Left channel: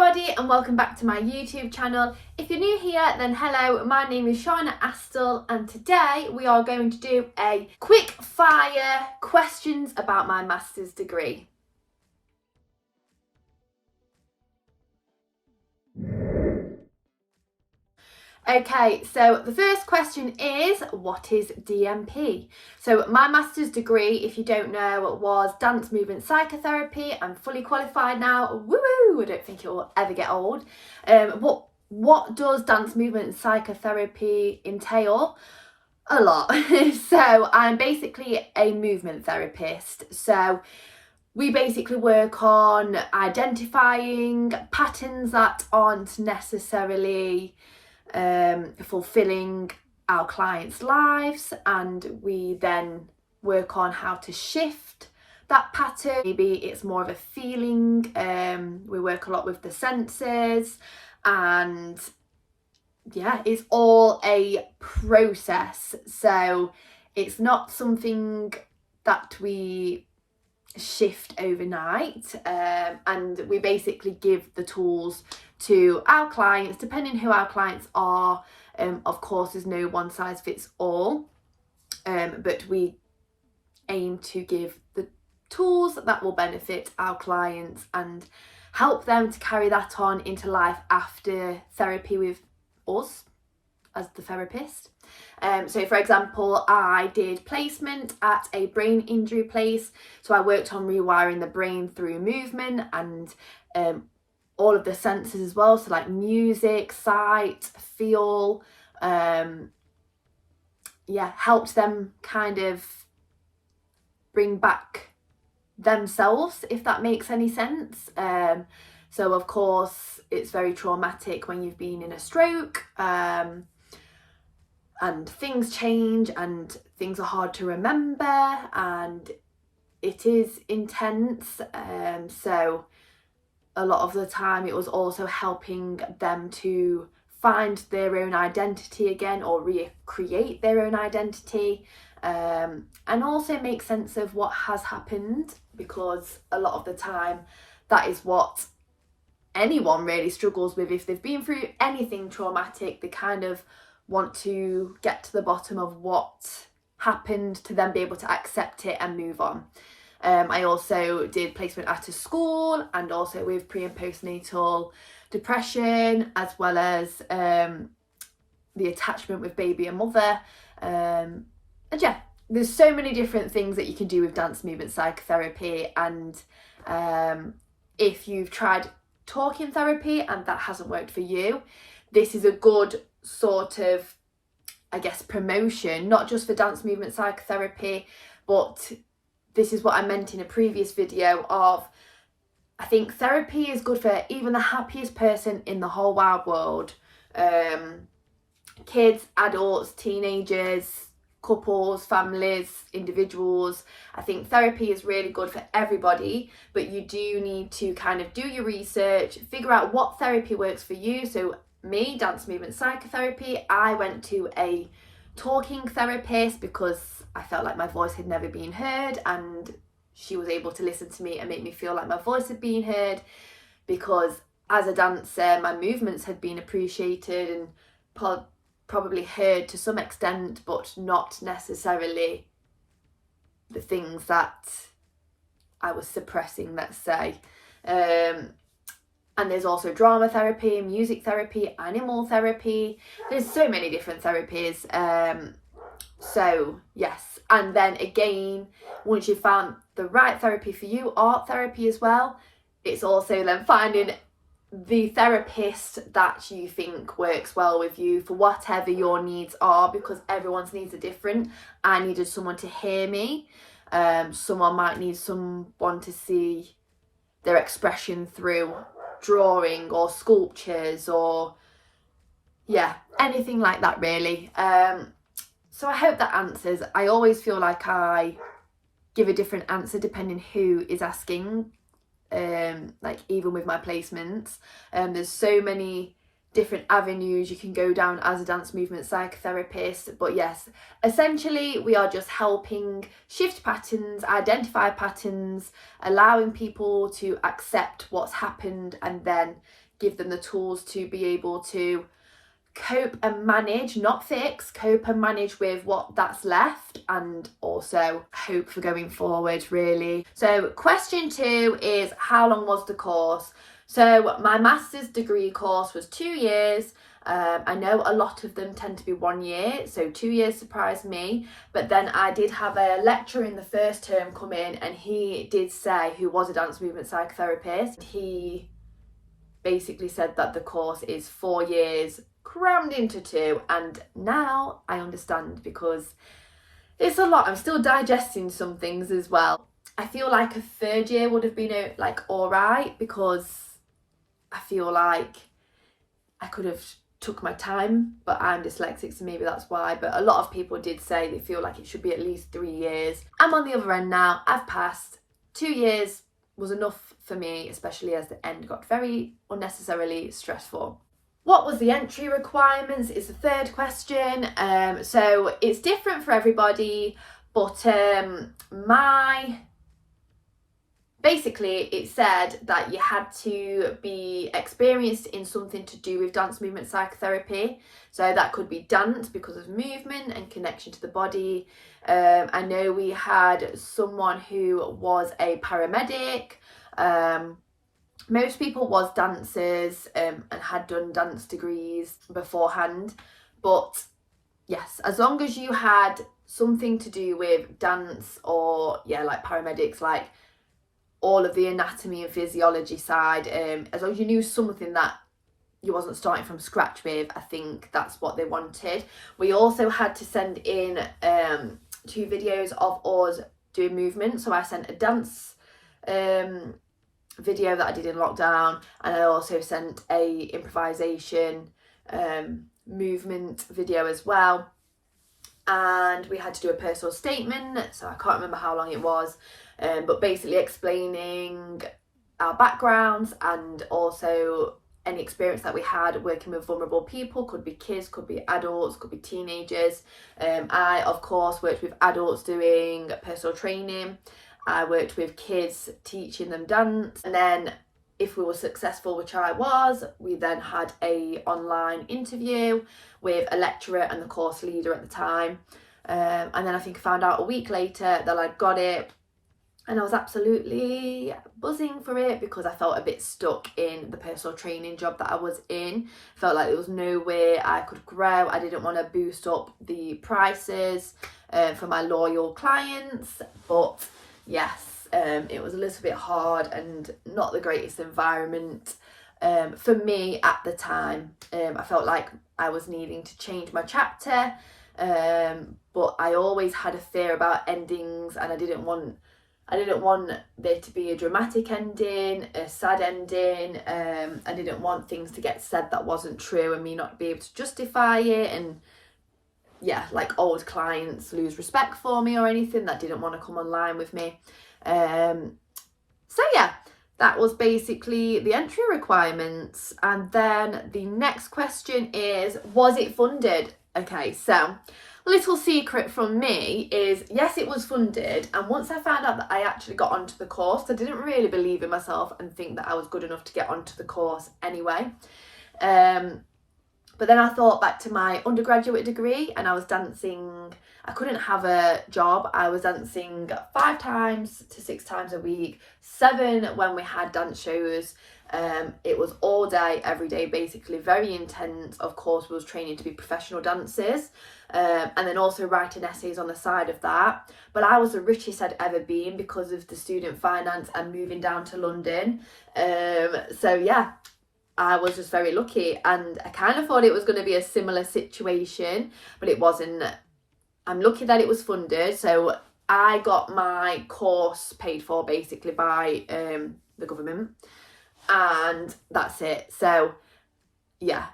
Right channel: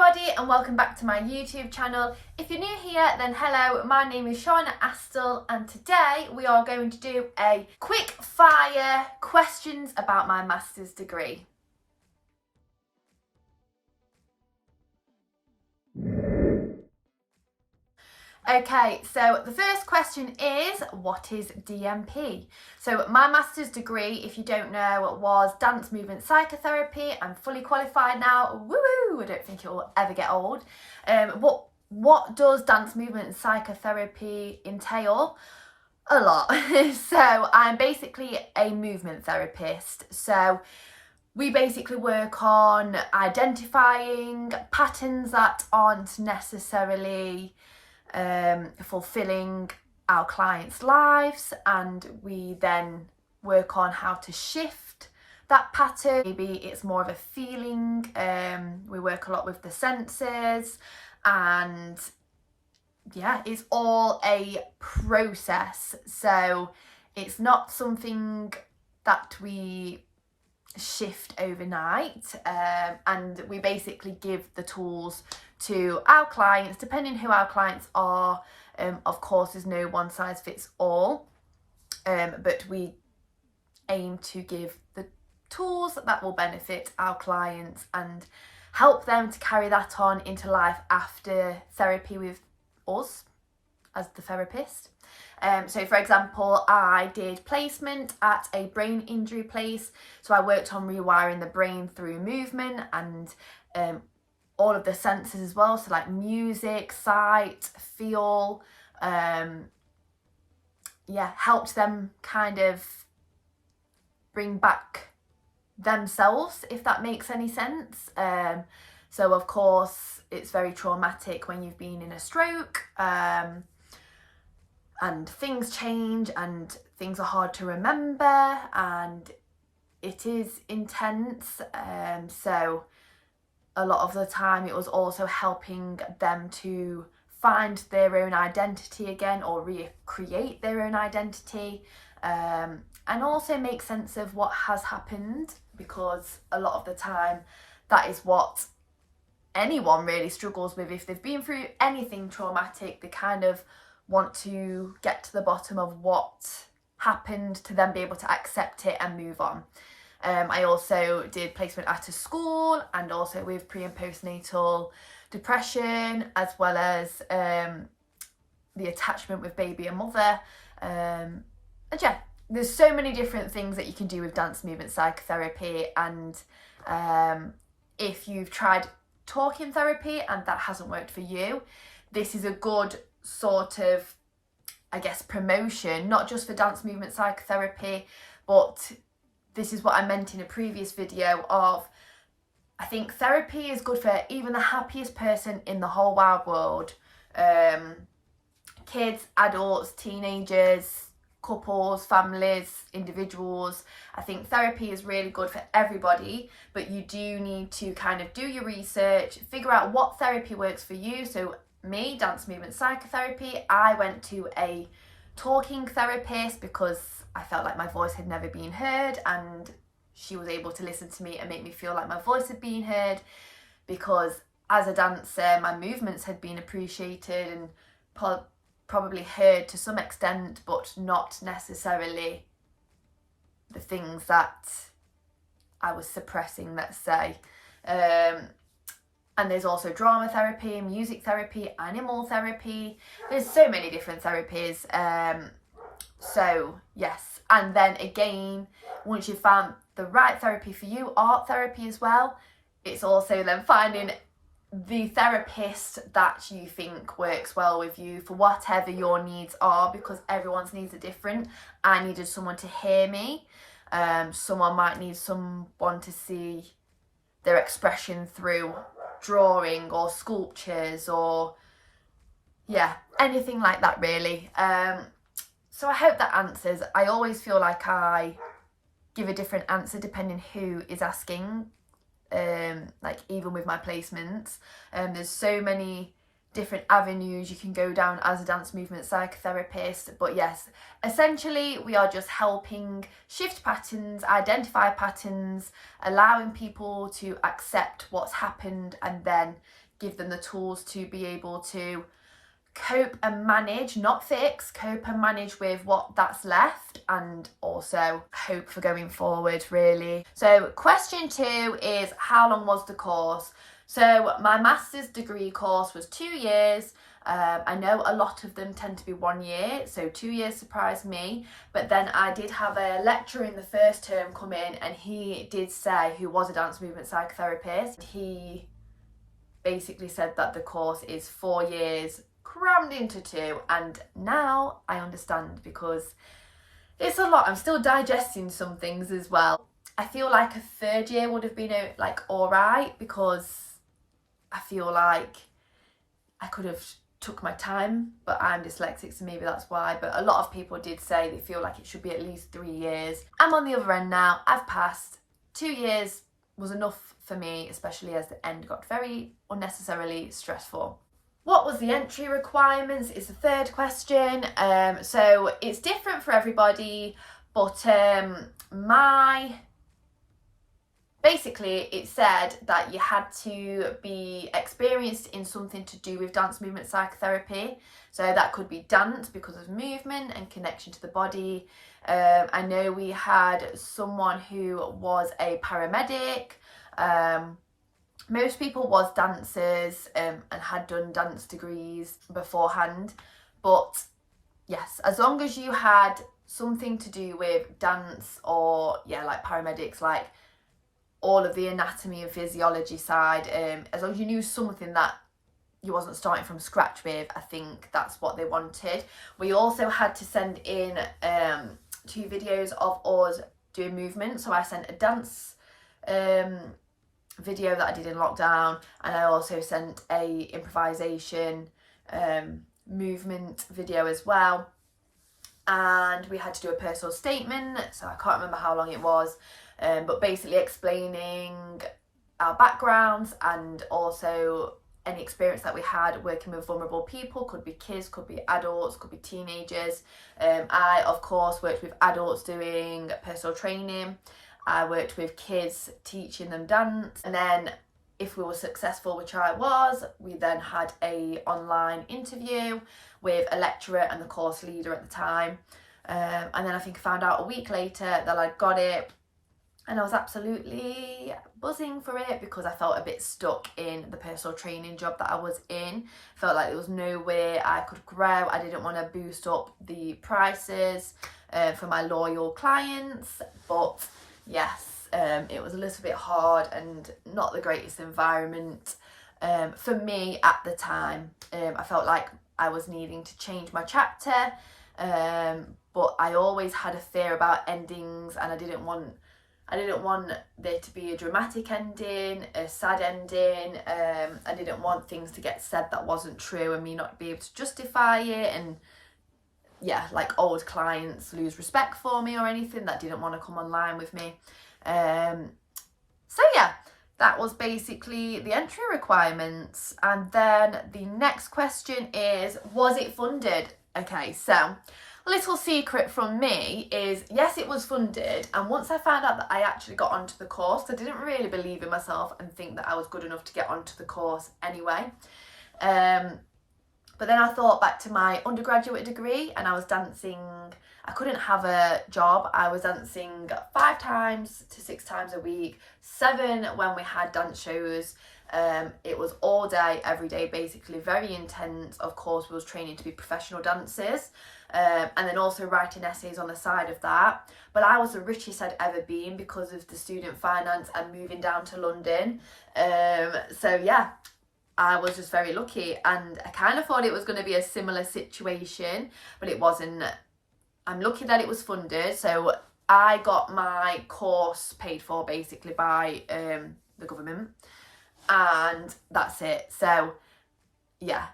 everybody and welcome back to my YouTube channel. If you're new here, then hello, my name is Shauna Astle and today we are going to do a quick fire questions about my master's degree. Okay, so the first question is, what is DMP? So my master's degree, if you don't know, was dance movement psychotherapy. I'm fully qualified now. Woo! I don't think it will ever get old. What does dance movement and psychotherapy entail? A lot. So I'm basically a movement therapist. So we basically work on identifying patterns that aren't necessarily fulfilling our clients' lives, and we then work on how to shift that pattern. Maybe it's more of a feeling. We work a lot with the senses, and yeah, it's all a process. So it's not something that we shift overnight, and we basically give the tools to our clients depending who our clients are. Of course, there's no one size fits all, but we aim to give the tools that will benefit our clients and help them to carry that on into life after therapy with us as the therapist. So for example, I did placement at a brain injury place, so I worked on rewiring the brain through movement and all of the senses as well, so like music, sight, feel, helped them kind of bring back themselves, if that makes any sense. So of course it's very traumatic when you've been in a stroke, and things change and things are hard to remember and it is intense. So a lot of the time it was also helping them to find their own identity again, or recreate their own identity, and also make sense of what has happened, because a lot of the time that is what anyone really struggles with. If they've been through anything traumatic, they kind of want to get to the bottom of what happened to then be able to accept it and move on. I also did placement at a school and also with pre and postnatal depression, as well as the attachment with baby and mother. And yeah, there's so many different things that you can do with dance movement psychotherapy, and if you've tried talking therapy and that hasn't worked for you, this is a good sort of, I guess, promotion, not just for dance movement psychotherapy, but this is what I meant in a previous video of, I think therapy is good for even the happiest person in the whole wide world. Kids, adults, teenagers, couples, families, individuals. I think therapy is really good for everybody, but you do need to kind of do your research, figure out what therapy works for you. So me, dance movement psychotherapy, I went to a talking therapist because I felt like my voice had never been heard, and she was able to listen to me and make me feel like my voice had been heard, because as a dancer my movements had been appreciated and probably heard to some extent, but not necessarily the things that I was suppressing, let's say. And there's also drama therapy, music therapy, animal therapy. There's so many different therapies. So yes, and then again, once you've found the right therapy for you, art therapy as well, it's also then finding the therapist that you think works well with you for whatever your needs are, because everyone's needs are different. I needed someone to hear me. Someone might need someone to see their expression through drawing or sculptures, or yeah, anything like that really. So I hope that answers. I always feel like I give a different answer depending who is asking, like even with my placements. There's so many different avenues you can go down as a dance movement psychotherapist. But yes, essentially we are just helping shift patterns, identify patterns, allowing people to accept what's happened, and then give them the tools to be able to cope and manage, not fix, cope and manage with what that's left, and also hope for going forward, really. So question 2 is, how long was the course? So my master's degree course was 2 years. I know a lot of them tend to be 1 year, so 2 years surprised me. But then I did have a lecturer in the first term come in, and he did say, who was a dance movement psychotherapist, he basically said that the course is 4 years crammed into 2, and now I understand, because it's a lot. I'm still digesting some things as well. I feel like a 3rd year would have been like all right, because I feel like I could have took my time, but I'm dyslexic, so maybe that's why. But a lot of people did say they feel like it should be at least 3 years. I'm on the other end now. I've passed. 2 years was enough for me, especially as the end got very unnecessarily stressful. What was the entry requirements is the 3rd question. So it's different for everybody, but basically it said that you had to be experienced in something to do with dance movement psychotherapy. So that could be dance because of movement and connection to the body. I know we had someone who was a paramedic. Most people was dancers and had done dance degrees beforehand. But yes, as long as you had something to do with dance, or like paramedics, like all of the anatomy and physiology side, as long as you knew something that you wasn't starting from scratch with, I think that's what they wanted. We also had to send in 2 videos of us doing movement. So I sent a dance video that I did in lockdown, and I also sent a improvisation movement video as well. And we had to do a personal statement, so I can't remember how long it was, but basically explaining our backgrounds and also any experience that we had working with vulnerable people. Could be kids, could be adults, could be teenagers. I of course worked with adults doing personal training. I worked with kids teaching them dance, and then if we were successful, which I was, we then had a online interview with a lecturer and the course leader at the time, and then I think I found out a week later that I'd got it, and I was absolutely buzzing for it, because I felt a bit stuck in the personal training job that I was in. Felt like there was no way I could grow. I didn't want to boost up the prices for my loyal clients, but yes, it was a little bit hard and not the greatest environment for me at the time. I felt like I was needing to change my chapter, but I always had a fear about endings, and I didn't want there to be a dramatic ending, a sad ending. I didn't want things to get said that wasn't true and me not be able to justify it, and like old clients lose respect for me or anything that didn't want to come online with me. So yeah, that was basically the entry requirements. And then the next question is, was it funded? Okay, so a little secret from me is, yes, it was funded. And once I found out that I actually got onto the course, I didn't really believe in myself and think that I was good enough to get onto the course anyway. But then I thought back to my undergraduate degree, and I was dancing. I couldn't have a job. I was dancing 5 times to 6 times a week, 7 when we had dance shows. It was all day, every day, basically, very intense. Of course, we was training to be professional dancers, and then also writing essays on the side of that. But I was the richest I'd ever been because of the student finance and moving down to London. So yeah, I was just very lucky, and I kind of thought it was going to be a similar situation, but it wasn't. I'm lucky that it was funded, so I got my course paid for basically by the government, and that's it. So yeah,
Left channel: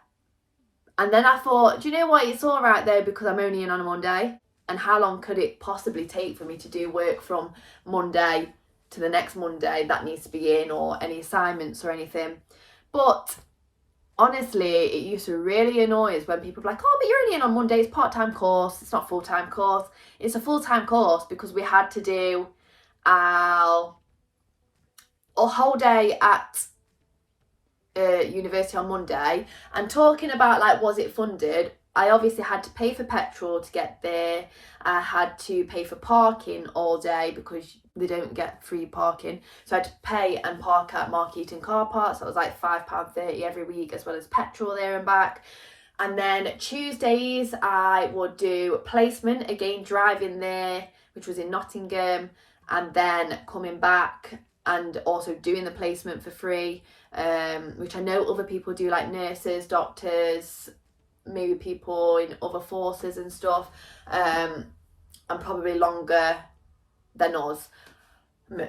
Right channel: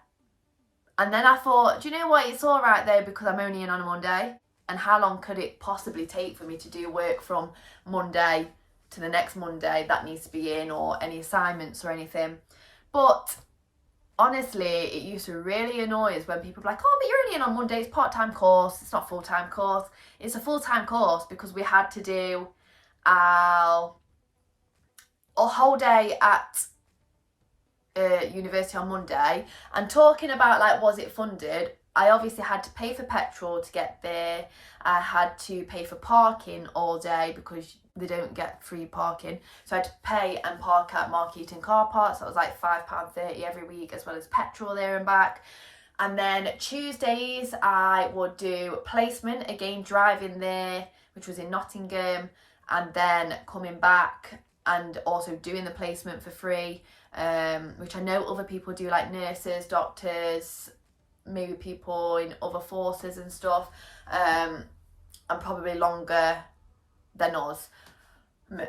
and then I thought, do you know what, it's all right though, because I'm only in on a Monday, and how long could it possibly take for me to do work from Monday to the next Monday that needs to be in, or any assignments or anything? But honestly, it used to really annoy us when people were like, oh, but you're only in on Monday, it's part-time course, it's not full-time course. It's a full-time course because we had to do a whole day at university on Monday. And talking about like, was it funded, I obviously had to pay for petrol to get there. I had to pay for parking all day because they don't get free parking, so I had to pay and park at Mark Eaton car park. So it was like £5.30 every week, as well as petrol there and back. And then Tuesdays I would do placement, again driving there, which was in Nottingham, and then coming back and also doing the placement for free, which I know other people do, like nurses, doctors, maybe people in other forces and stuff, and probably longer than us,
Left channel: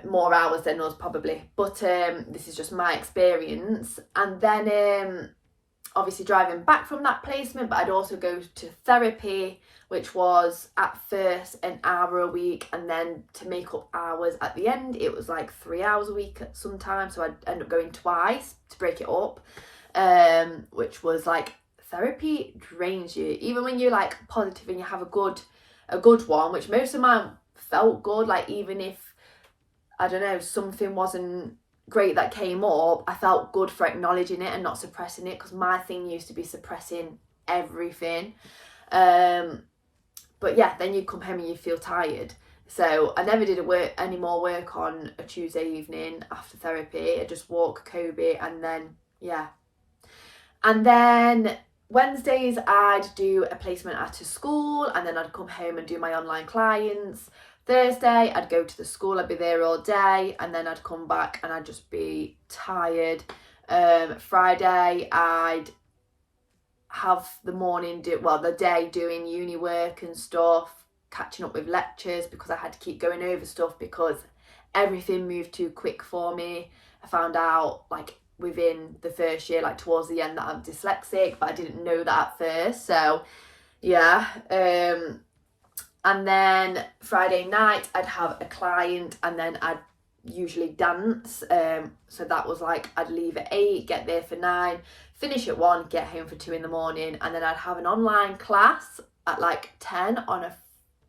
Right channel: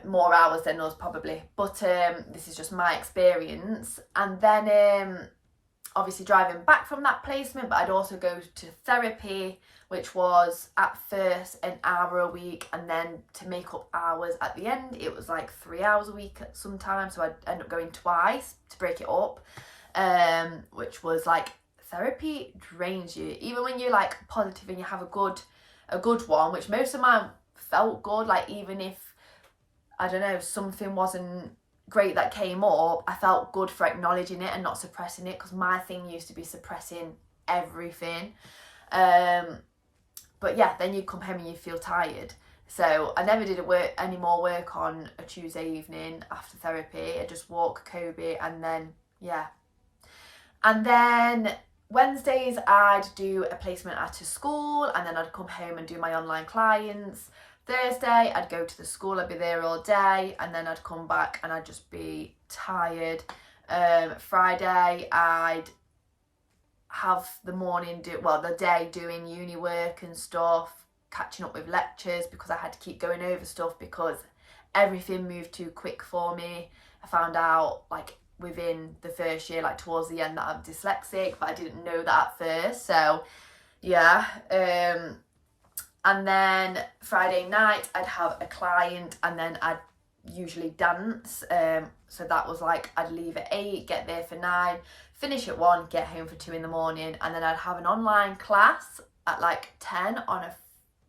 more hours than us probably, but this is just my experience. And then obviously driving back from that placement, but I'd also go to therapy, which was at first an hour a week, and then to make up hours at the end it was like 3 hours a week sometimes, so I'd end up going twice to break it up, which was like, therapy drains you, even when you're like positive and you have a good one, which most of mine felt good. Like, even if, I don't know, something wasn't great that came up, I felt good for acknowledging it and not suppressing it, because my thing used to be suppressing everything. But yeah, then you come home and you feel tired. So I never did any more work on a Tuesday evening after therapy. I just walk Kobe, and then yeah. And then Wednesdays I'd do a placement at a school, and then I'd come home and do my online clients. Thursday I'd go to the school, I'd be there all day, and then I'd come back and I'd just be tired. Friday I'd have the day doing uni work and stuff, catching up with lectures, because I had to keep going over stuff because everything moved too quick for me. I found out like within the first year, like towards the end, that I'm dyslexic, but I didn't know that at first. So yeah. And then Friday night I'd have a client, and then I'd usually dance. So that was like, I'd leave at 8, get there for 9, finish at 1, get home for 2 in the morning, and then I'd have an online class at like 10 on a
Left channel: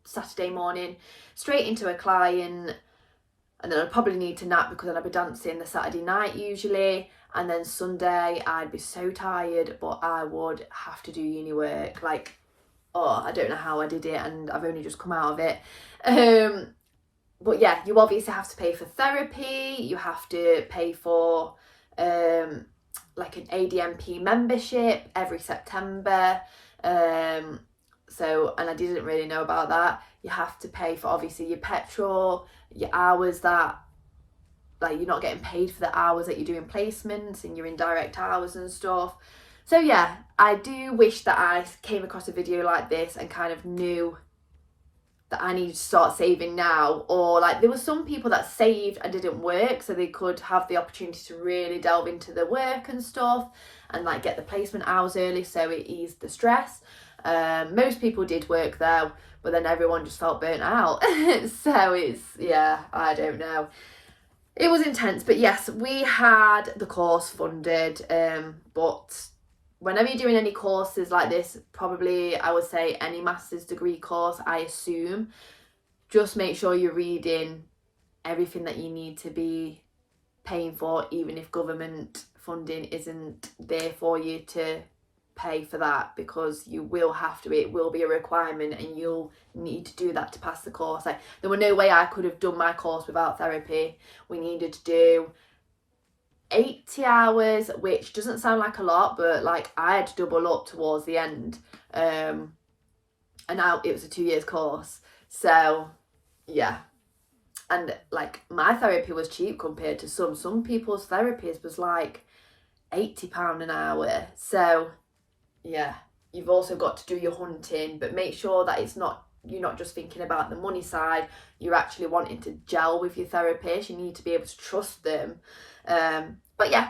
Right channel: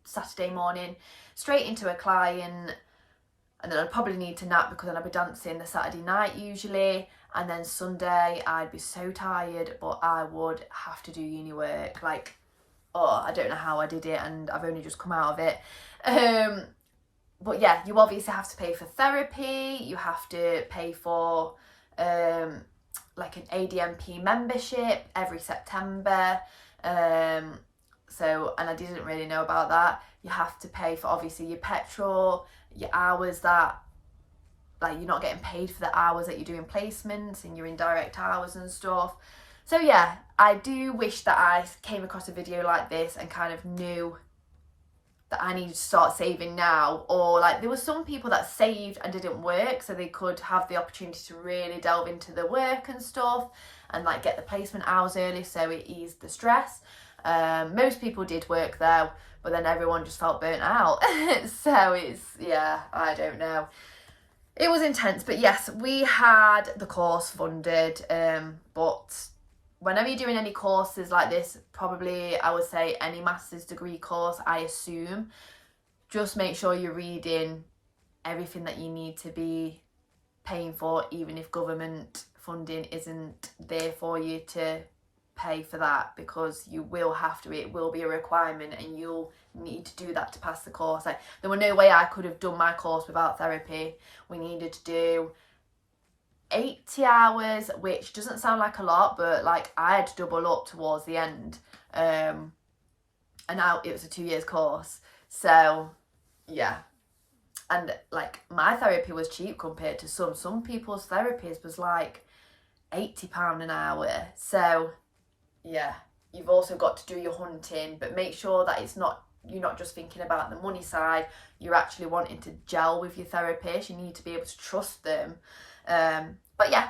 Saturday morning, straight into a client, and then I'd probably need to nap because then I'd be dancing the Saturday night usually. And then Sunday I'd be so tired, but I would have to do uni work. Like, oh, I don't know how I did it, and I've only just come out of it. But yeah, you obviously have to pay for therapy, you have to pay for like an ADMP membership every September. So, and I didn't really know about that. You have to pay for obviously your petrol, your hours that, like, you're not getting paid for the hours that you're doing placements and your indirect hours and stuff. So yeah, I do wish that I came across a video like this and kind of knew that I need to start saving now, or like there were some people that saved and didn't work, so they could have the opportunity to really delve into the work and stuff and like get the placement hours early, so it eased the stress. Most people did work though, but then everyone just felt burnt out. So it's, yeah, I don't know. It was intense, but yes, we had the course funded, but whenever you're doing any courses like this, probably I would say any master's degree course, I assume, just make sure you're reading everything that you need to be paying for, even if government funding isn't there for you to pay for that, because you will have to, it will be a requirement, and you'll need to do that to pass the course. Like, there were no way I could have done my course without therapy. We needed to do 80 hours, which doesn't sound like a lot, but like I had to double up towards the end, and now it was a 2 years course. So yeah, and like my therapy was cheap compared to some people's therapies was like £80 an hour. So yeah, you've also got to do your hunting, but make sure that it's not, you're not just thinking about the money side, you're actually wanting to gel with your therapist. You need to be able to trust them. But yeah,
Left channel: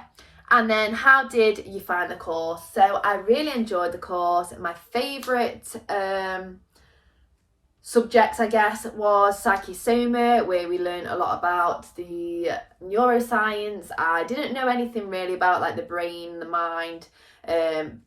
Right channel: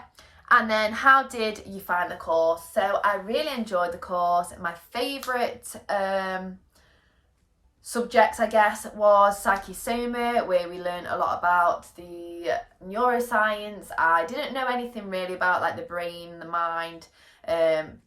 and then how did you find the course? So I really enjoyed the course. My favourite subjects, I guess, was psychosoma, where we learned a lot about the neuroscience. I didn't know anything really about like the brain, the mind,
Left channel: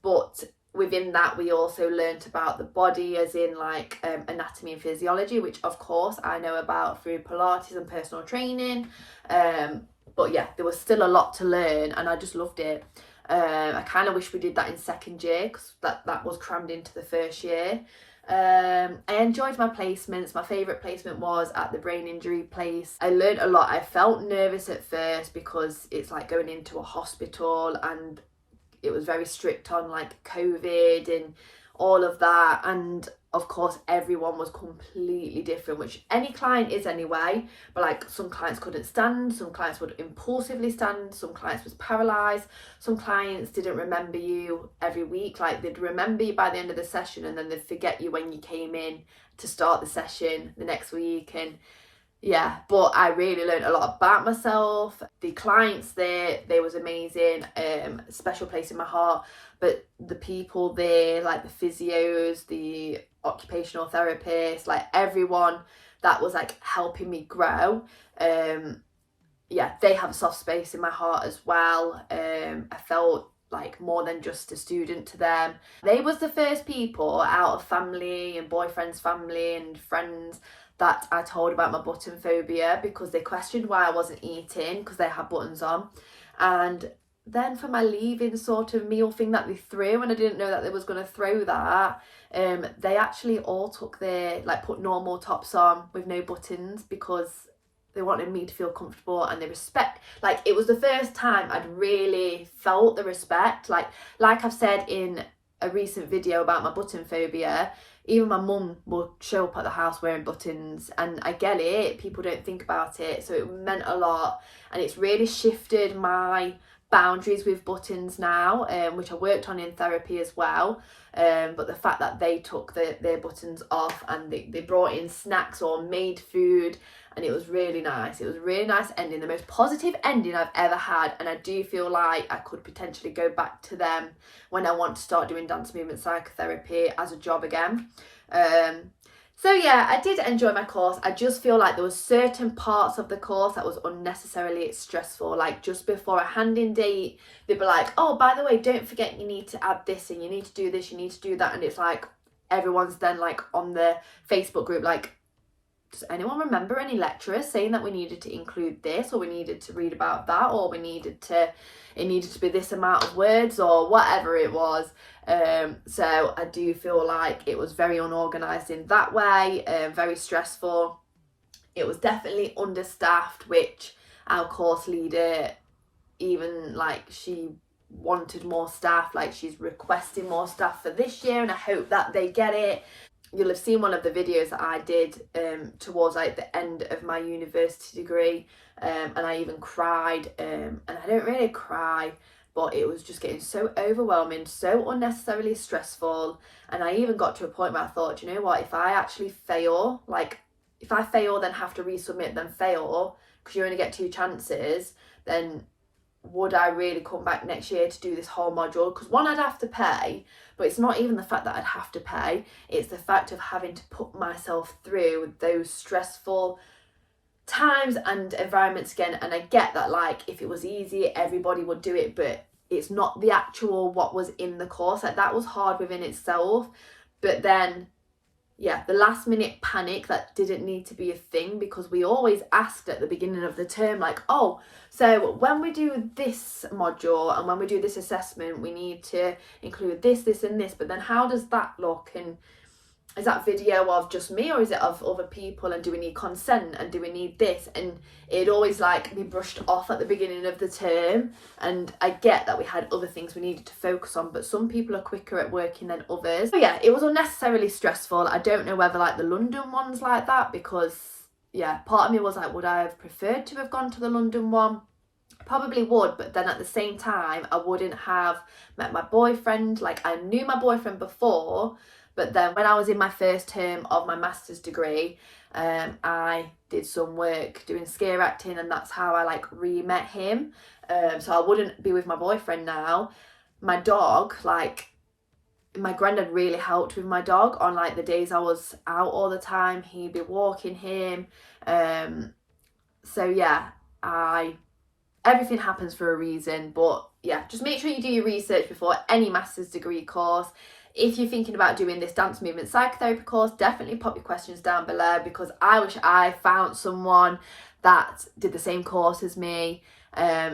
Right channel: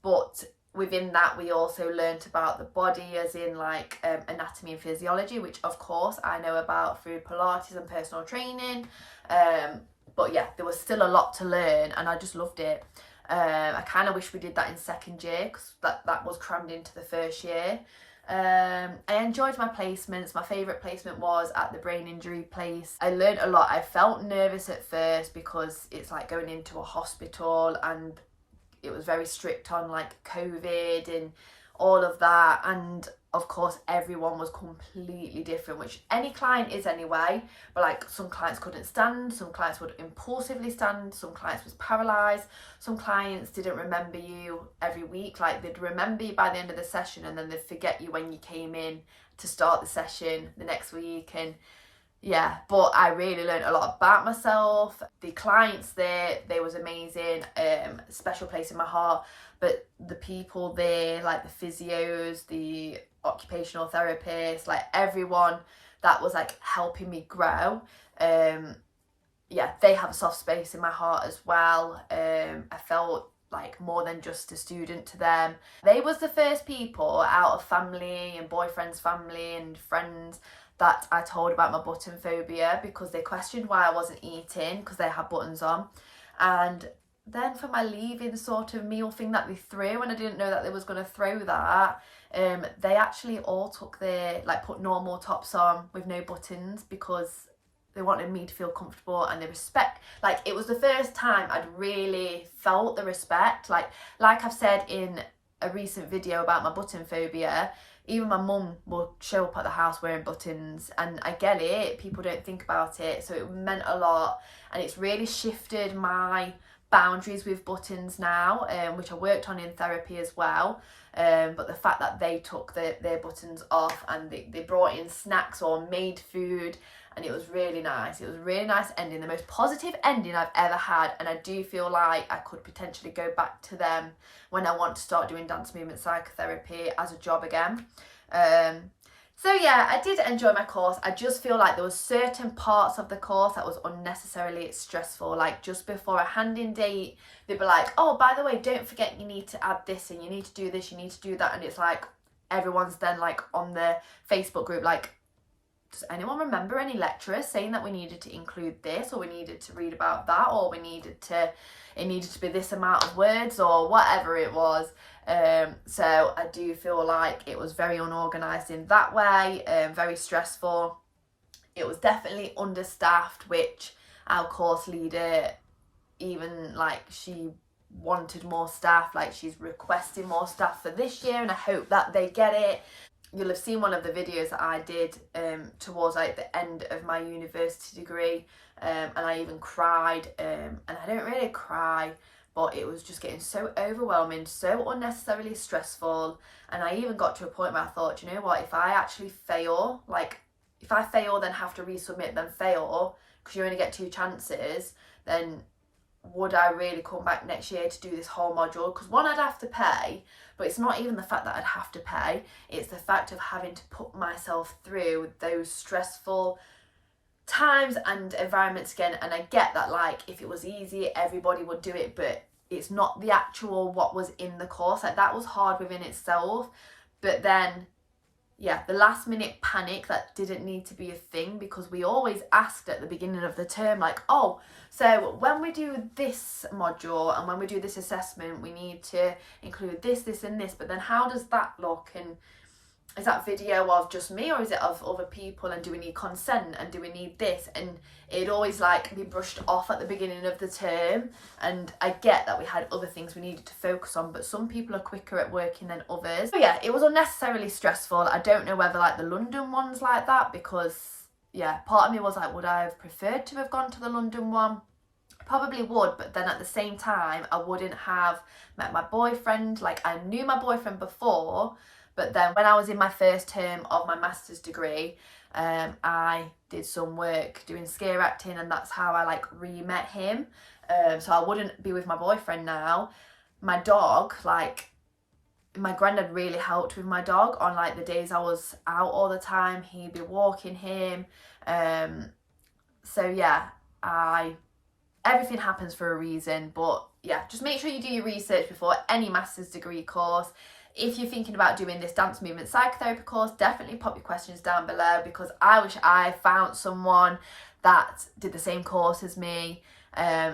but within that we also learnt about the body, as in like anatomy and physiology, which of course I know about through Pilates and personal training. But yeah, there was still a lot to learn and I just loved it. I kind of wish we did that in second year, because that was crammed into the first year. I enjoyed my placements. My favourite placement was at the brain injury place. I learned a lot. I felt nervous at first because it's like going into a hospital and it was very strict on like COVID and all of that. And of course everyone was completely different, which any client is anyway, but like some clients couldn't stand, some clients would impulsively stand, some clients was paralysed, some clients didn't remember you every week, like they'd remember you by the end of the session and then they'd forget you when you came in to start the session the next week. And yeah, but I really learned a lot about myself. The clients there, they was amazing, special place in my heart. But the people there, like the physios, the occupational therapists, like everyone that was like helping me grow, yeah, they have a soft space in my heart as well. I felt like more than just a student to them. They was the first people out of family and boyfriend's family and friends that I told about my button phobia, because they questioned why I wasn't eating because they had buttons on. And then for my leaving sort of meal thing that they threw, and I didn't know that they was going to throw that, they actually all took their, like put normal tops on with no buttons, because they wanted me to feel comfortable and the respect. Like it was the first time I'd really felt the respect. Like I've said in a recent video about my button phobia, even my mum will show up at the house wearing buttons, and I get it, people don't think about it, so it meant a lot. And it's really shifted my boundaries with buttons now, which I worked on in therapy as well. But the fact that they took their buttons off and they brought in snacks or made food, and it was really nice. It was a really nice ending, the most positive ending I've ever had, and I do feel like I could potentially go back to them when I want to start doing dance movement psychotherapy as a job again. So yeah, I did enjoy my course. I just feel like there was certain parts of the course that was unnecessarily stressful. Like just before a hand-in date, they'd be like, oh, by the way, don't forget you need to add this and you need to do this, you need to do that. And it's like, everyone's then like on the Facebook group, like, does anyone remember any lecturers saying that we needed to include this, or we needed to read about that, or it needed to be this amount of words, or whatever it was. So I do feel like it was very unorganised in that way, very stressful. It was definitely understaffed, which our course leader, even like she wanted more staff, like she's requesting more staff for this year, and I hope that they get it. You'll have seen one of the videos that I did towards like the end of my university degree, and I even cried, and I don't really cry, but it was just getting so overwhelming, so unnecessarily stressful. And I even got to a point where I thought, you know what, if I actually fail, like if I fail then have to resubmit, then fail, because you only get 2 chances, then would I really come back next year to do this whole module? Because one, I'd have to pay, but it's not even the fact that I'd have to pay, it's the fact of having to put myself through those stressful times and environments again. And I get that, like, if it was easy, everybody would do it, but it's not the actual what was in the course. Like, that was hard within itself. But then, yeah, the last minute panic that didn't need to be a thing, because we always asked at the beginning of the term, like, oh, so when we do this module and when we do this assessment, we need to include this, this and this, but then how does that look? And is that video of just me, or is it of other people? And do we need consent? And do we need this? And it always like be brushed off at the beginning of the term. And I get that we had other things we needed to focus on, but some people are quicker at working than others. So yeah, it was unnecessarily stressful. I don't know whether like the London one's like that, because yeah, part of me was like, would I have preferred to have gone to the London one? Probably would, but then at the same time, I wouldn't have met my boyfriend. Like, I knew my boyfriend before, but then when I was in my first term of my master's degree, I did some work doing scare acting, and that's how I like re-met him. So I wouldn't be with my boyfriend now. My dog, like, my granddad really helped with my dog on like the days I was out all the time. He'd be walking him. So yeah, everything happens for a reason. But yeah, just make sure you do your research before any master's degree course. If you're thinking about doing this dance movement psychotherapy course, definitely pop your questions down below, because I wish I found someone that did the same course as me,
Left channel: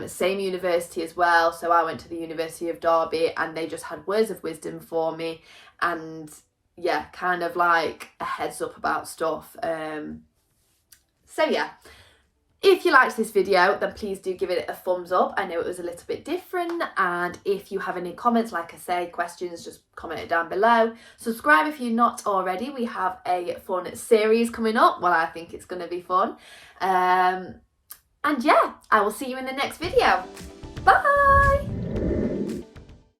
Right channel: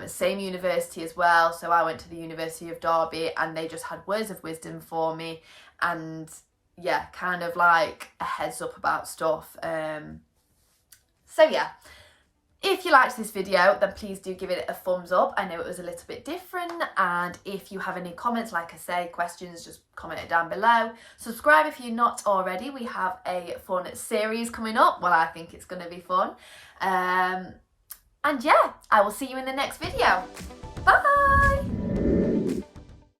same university as well. So I went to the University of Derby, and they just had words of wisdom for me, and yeah, kind of like a heads up about stuff. So yeah, if you liked this video, then please do give it a thumbs up. I know it was a little bit different, and if you have any comments, like I say, questions, just comment it down below. Subscribe if you're not already. We have a fun series coming up. Well, I think it's going to be fun. And yeah, I will see you in the next video. Bye!